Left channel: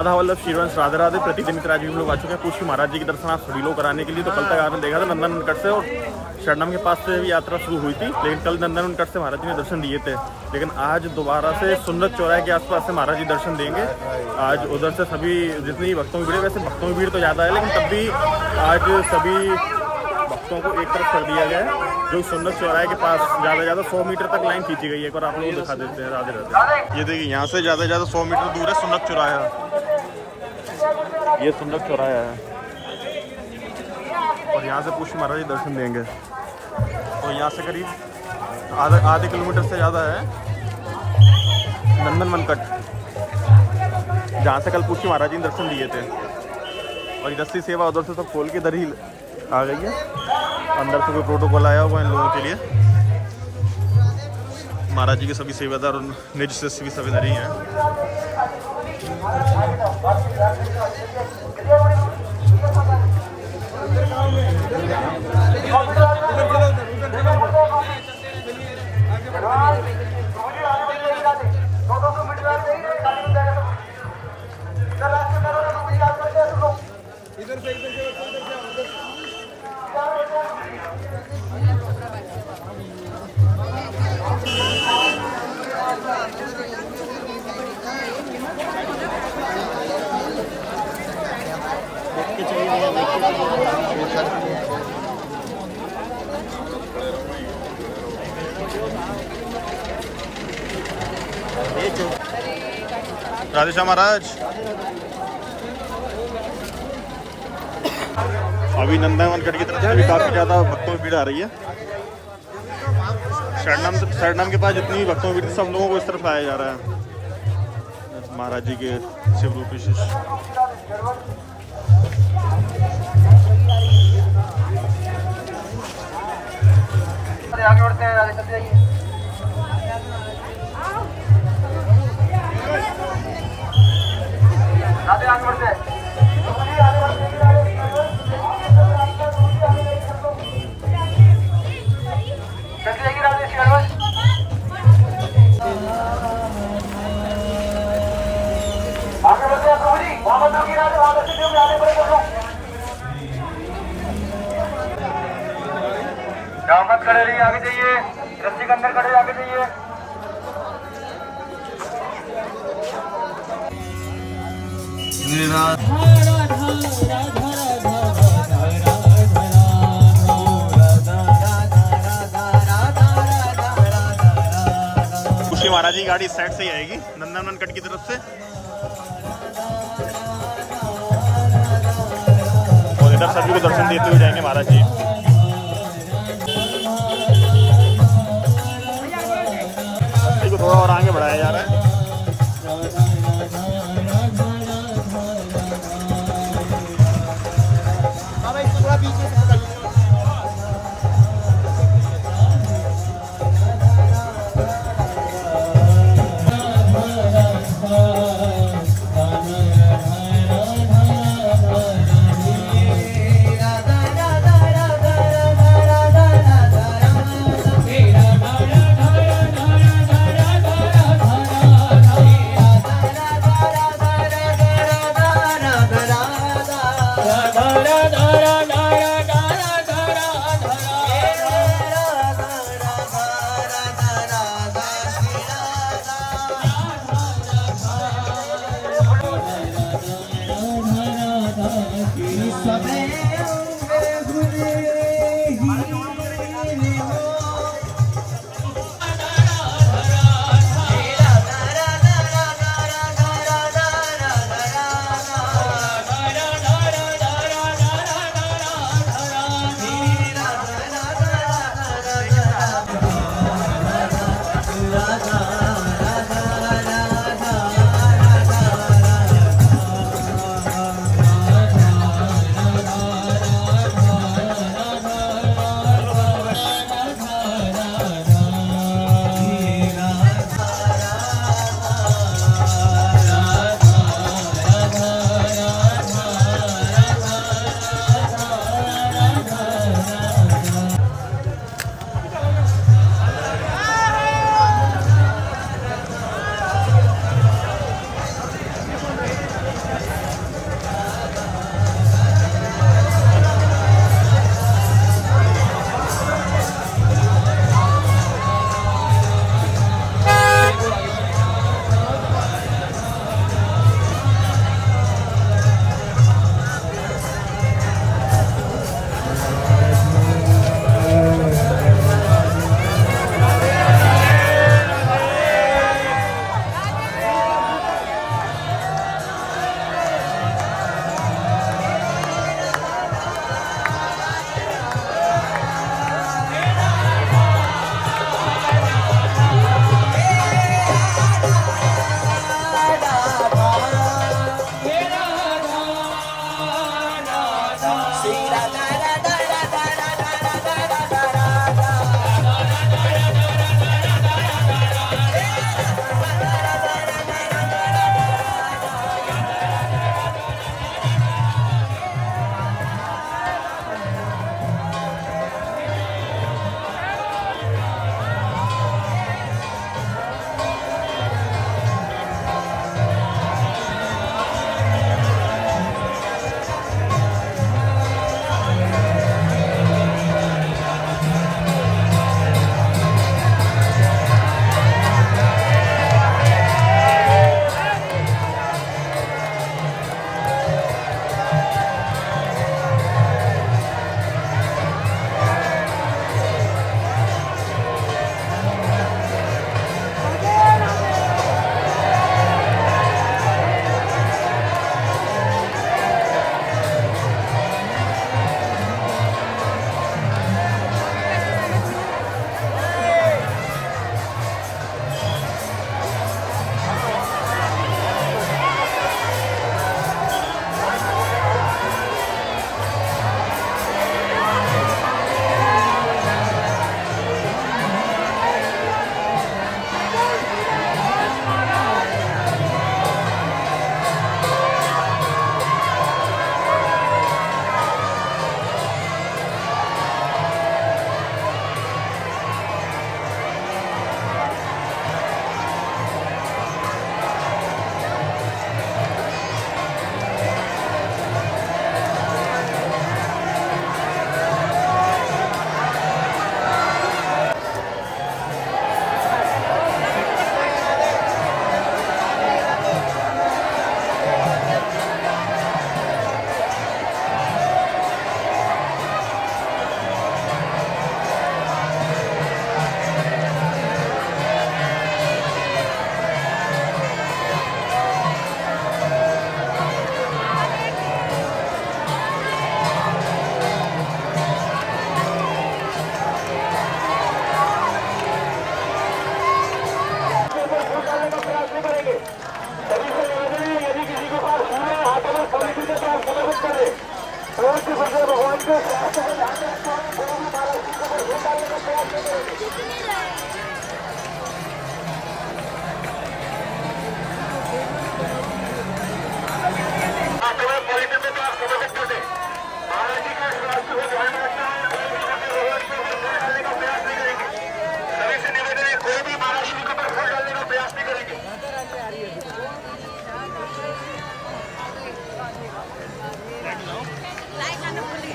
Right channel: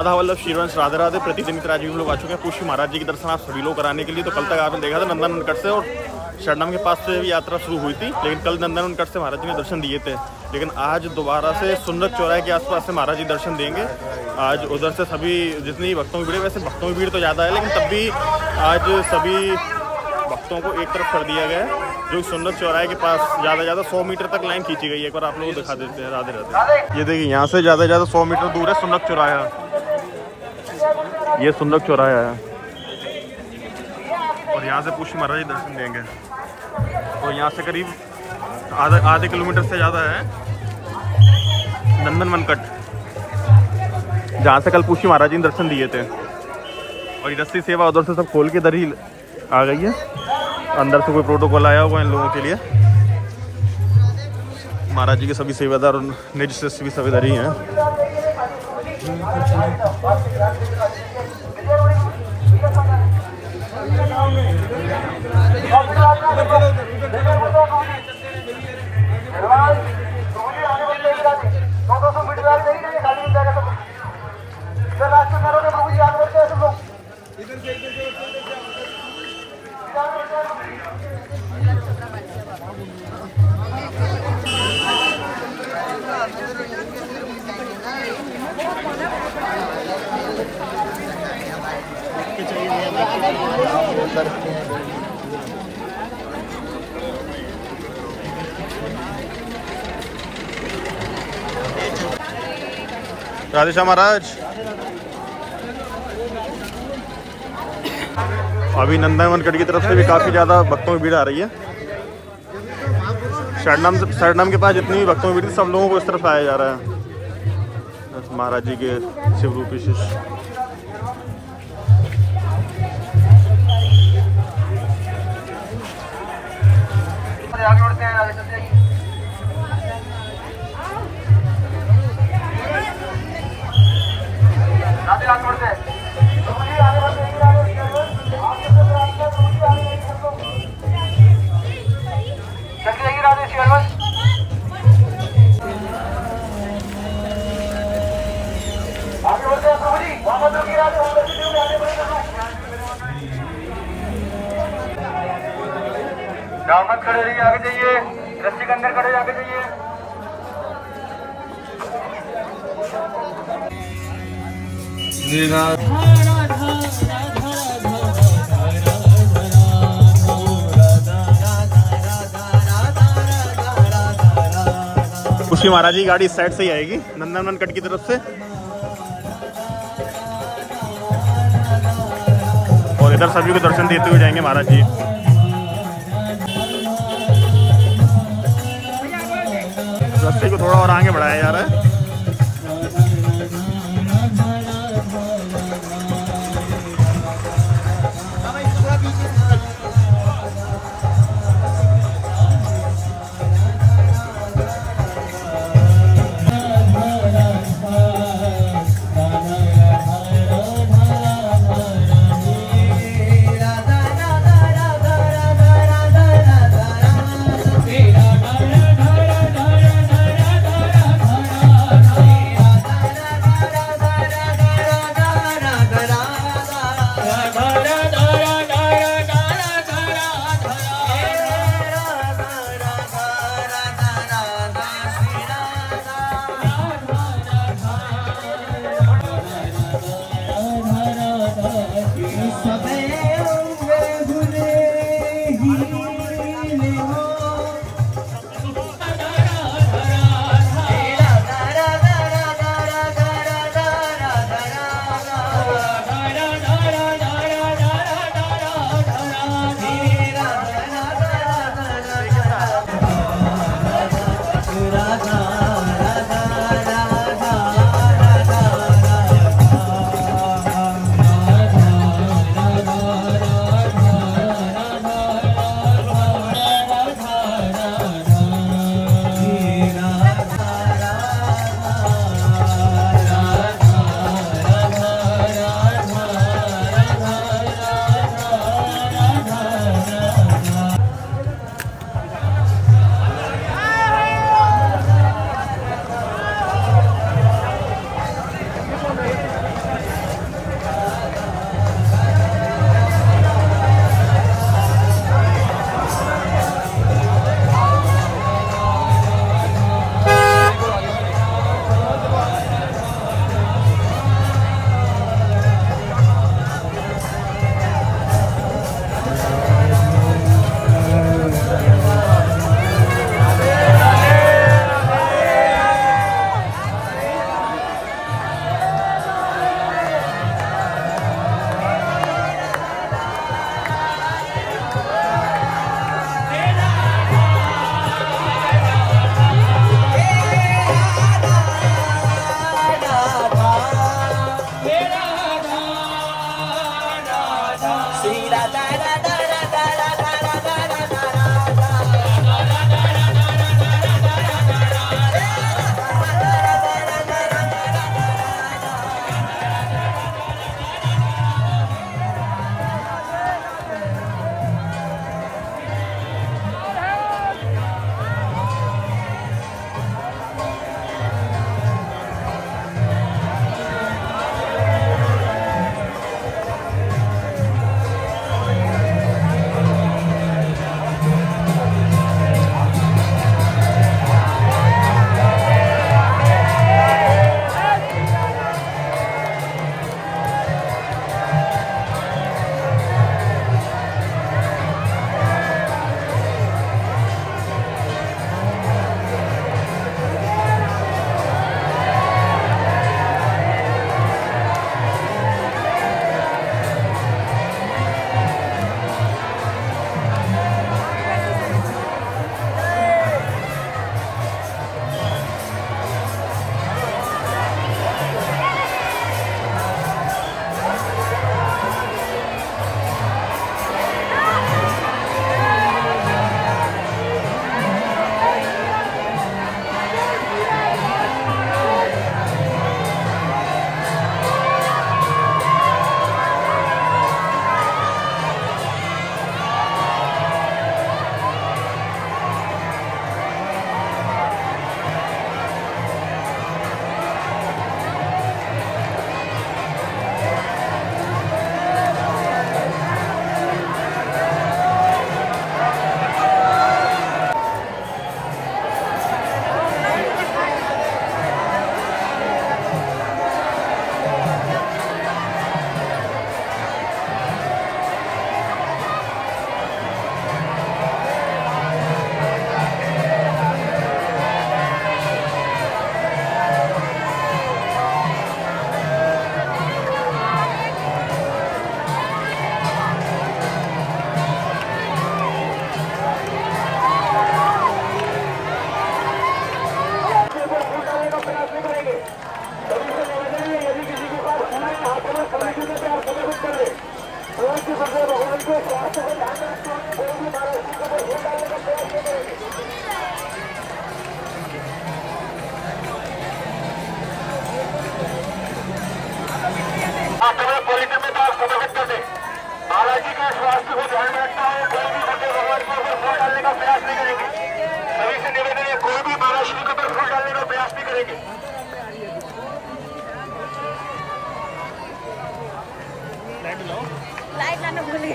राधा वल्लभ श्रीवंश राधे राधे। प्रतिदिन राजीव लोग आ चुके हैं पुष्य महाराज जी के दर्शन आप सभी लोग कराने के लिए। तो कल तक आपने देखा था नंदनवन से और शरणम के पास से भी यात्रा शुरू हुई थी, लेकिन कल नंदनवन से महाराज जी ने दर्शन दिए थे। लेकिन आज दोबारा से सुंदर चौराहे के आसपास से महाराज जी दर्शन देंगे। आज उधर से सभी जितनी भक्तों की भीड़, वैसे भक्तों की भीड़ तो ज़्यादा है, लेकिन तब भी आज सभी भक्तों को एक तरफ कर दिया गया है। जो सुंदर चौराहे के पास ज़्यादा 100 मीटर तक लाइन खींची गई है। एक बार आप लोगों को दिखा देते हैं। राधे राधे। ये देखिए यहाँ से ज़्यादा 100 मीटर दूर है सुंदर चौराहा। ये सुंदर चौराहा है और यहाँ से पुष्य महाराज जी दर्शन देंगे। और यहाँ से करीब आधे किलोमीटर से ज़्यादा है नंदनवन कट, जहाँ से कल पुष्य महाराज जी ने दर्शन दिए थे। और ये रस्सी सेवा उधर से सब खोल के इधर ही आ गई है। अंदर से कोई प्रोटोकॉल आया हुआ इन लोगों के लिए। महाराज जी के सभी सेवादार और निज शिष्य भी सब इधर ही हैं। राधे श्याम महाराज। अभी नंदनवन गढ़ की तरफ से भी काफी ज्यादा भक्तों की भीड़ आ रही है। शरणम के पास जितनी भी भक्तों की भीड़, सब लोगों को इस तरफ आया जा रहा है। महाराज जी के शिव रूपी शिष्य। मत खड़े रहिए, आगे जाइए। रस्सी के अंदर खड़े, आगे जाइए। पुष्य महाराज जी गाड़ी इस साइड से ही आएगी नंदनवन कट की तरफ से। और इधर सभी को दर्शन देते हुए जाएंगे महाराज जी। करेंगे। सभी से निवेदन है, यदि किसी के पास फूल है हाथों में फूल की तरफ समर्पित कर दे। फूल की वजह भगवान के स्वास्थ्य को ध्यान में रखते हुए कोई भी महाराज जी के ऊपर फूल डालने का प्रयास नहीं करेंगे। महाराज जी के स्वास्थ्य को ध्यान में रखता हूँ कोई भी होटल भगवान के ऊपर फूल डालने का प्रयास नहीं करेंगे। सभी से निवेदन है, कोई भी महाराज जी के ऊपर फूल डालने का प्रयास नहीं करेंगे। लाइट लाओ, लाइट लाना भूल गए।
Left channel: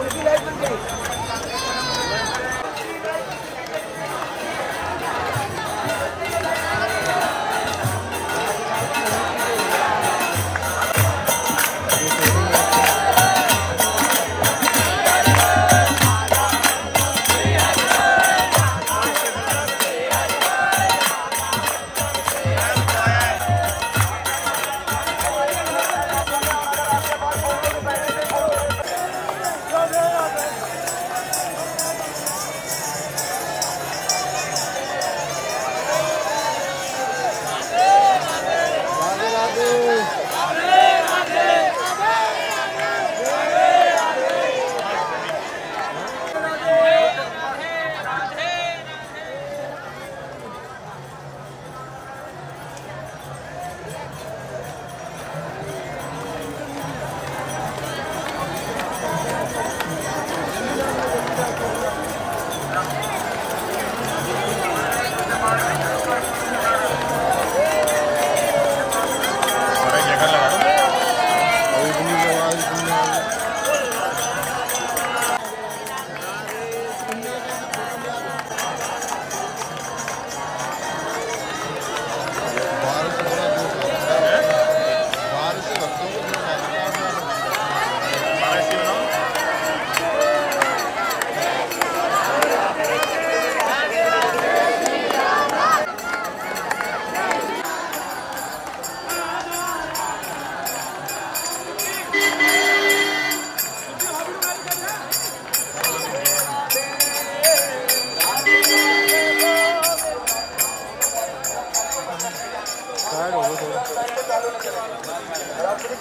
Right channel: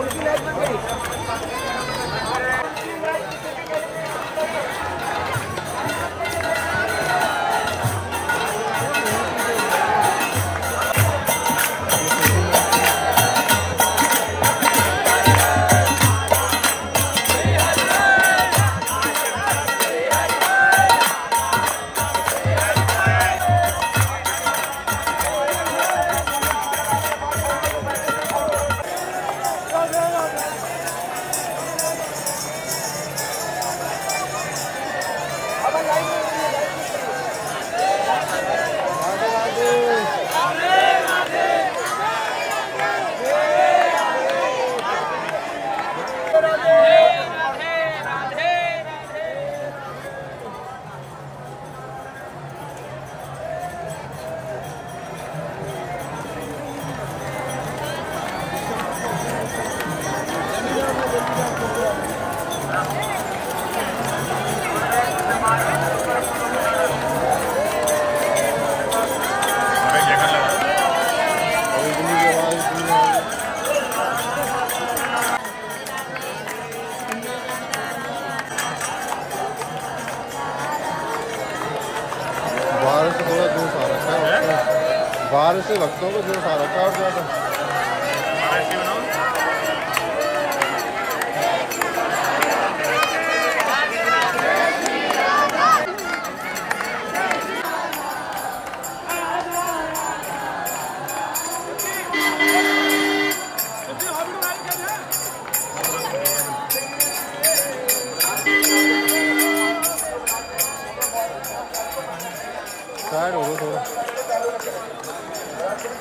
उनकी लाइट बन गई।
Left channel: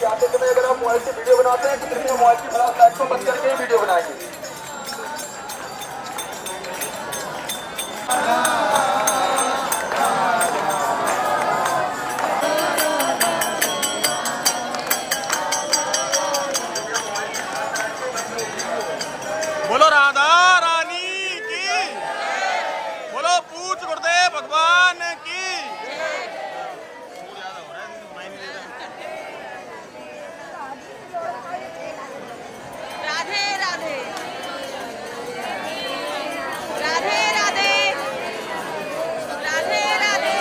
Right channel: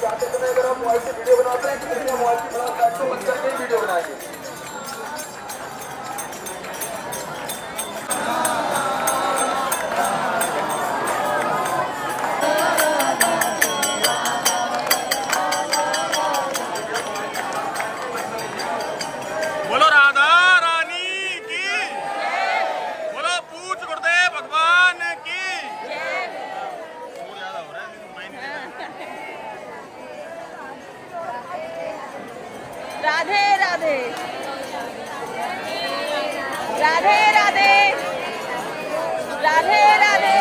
जाते समय अगर आप मोबाइल से वीडियो बनाते हैं तो कृपया मोबाइल की फ्लैश लाइट को बंद करके ही वीडियो बनाएंगे। बोलो राधा रानी की, बोलो पूछ गुरुदेव भगवान की। और ज्यादा हो रहा है राधे राधे राधे राधे राधे राधे।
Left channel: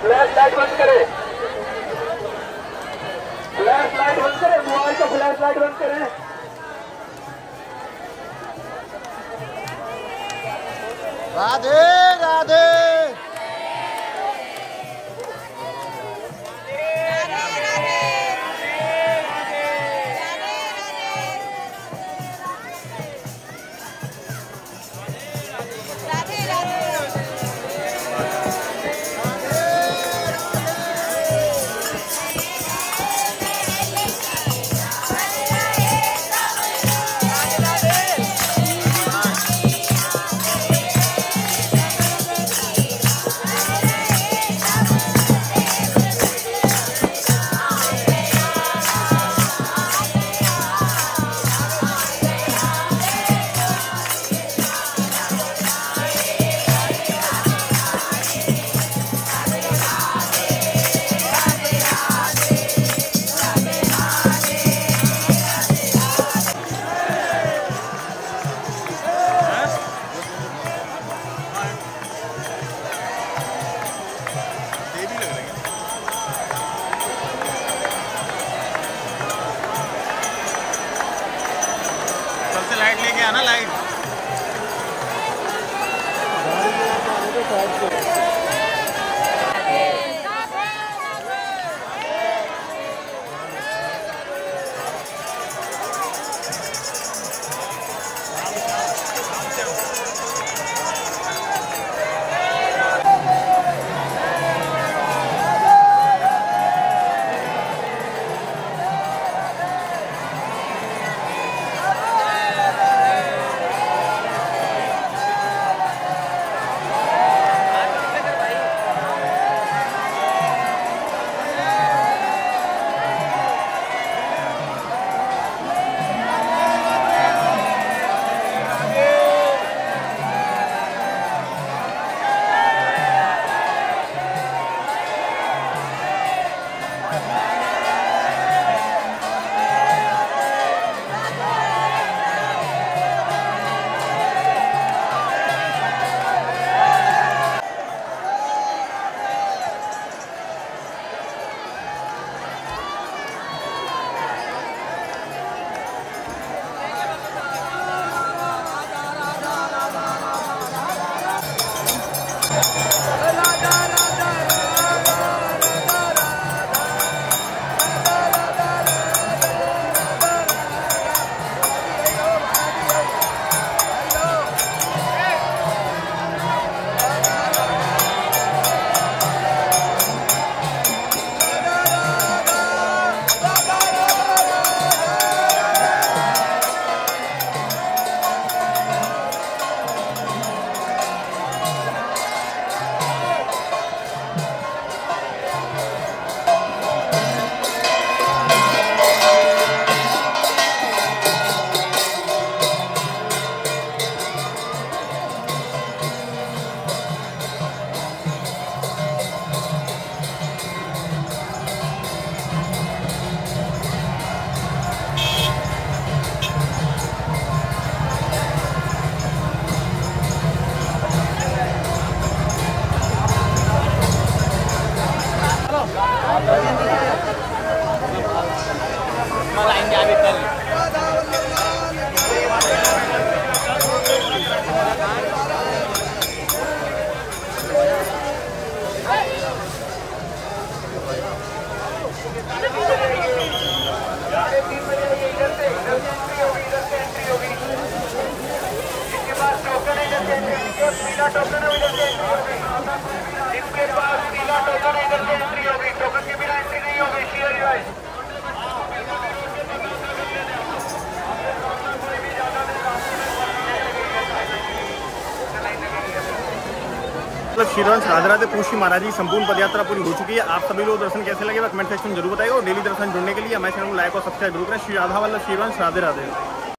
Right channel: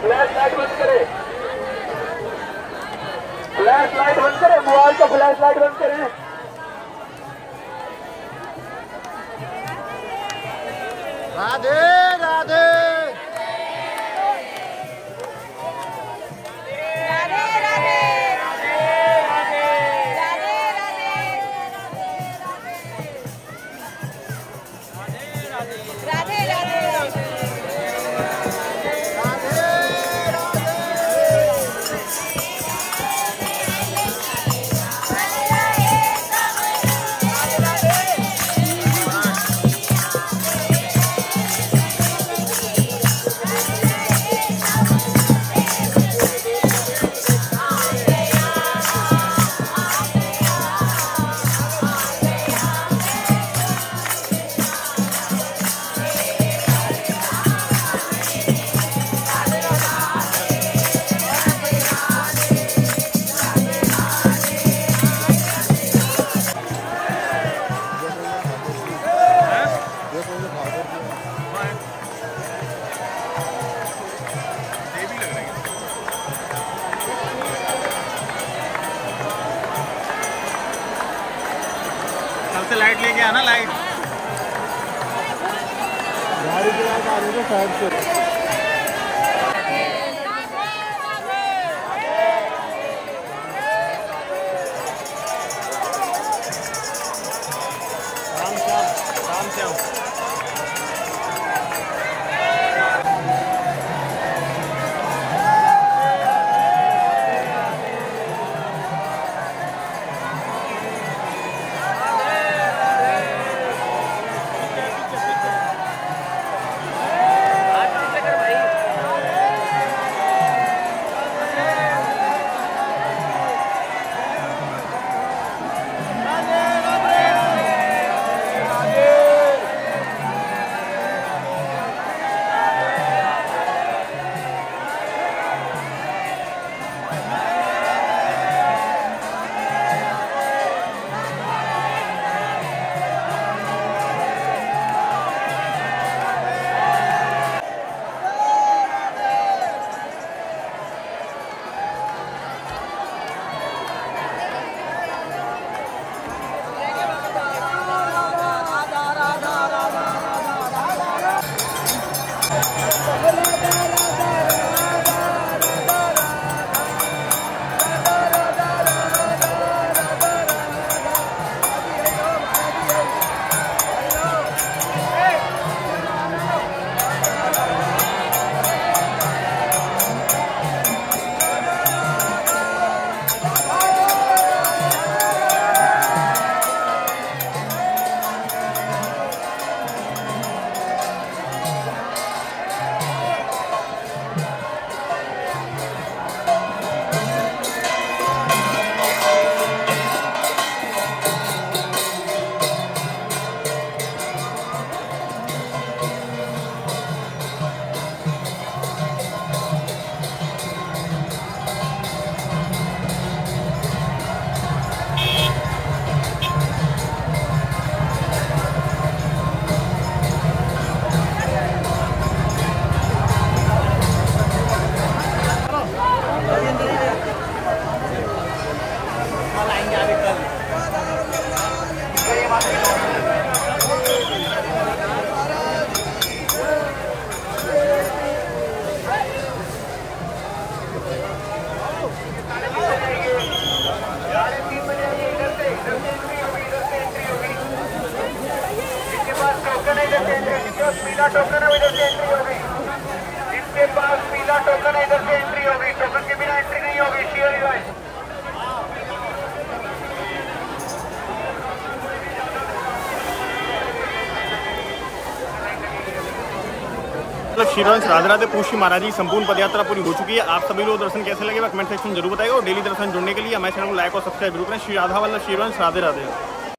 फ्लैश लाइट बंद करें, फ्लैश लाइट बंद करें, मोबाइल का फ्लैश लाइट बंद करें। राधे राधे। कल से लाइट लेके आना, लाइट। राम श्याम। पीला टोकन है इधर से एंट्री होगी। जिसके पास पीला टोकन है इधर से एंट्री होगी, टोकन के बिना एंट्री नहीं होगी। शेयर गाइस श्रीवंश राधे राधे पूछी महाराज जी संपूर्ण पदयात्रा पूरी हो चुकी है। आप सभी लोग दर्शन कैसे लगे कमेंट सेक्शन जरूर बताइए और डेली दर्शन जुड़ने के लिए हमारे चैनल को लाइक और सब्सक्राइब जरूर करें। श्री राधा वल्लभ श्रीवंश राधे राधे।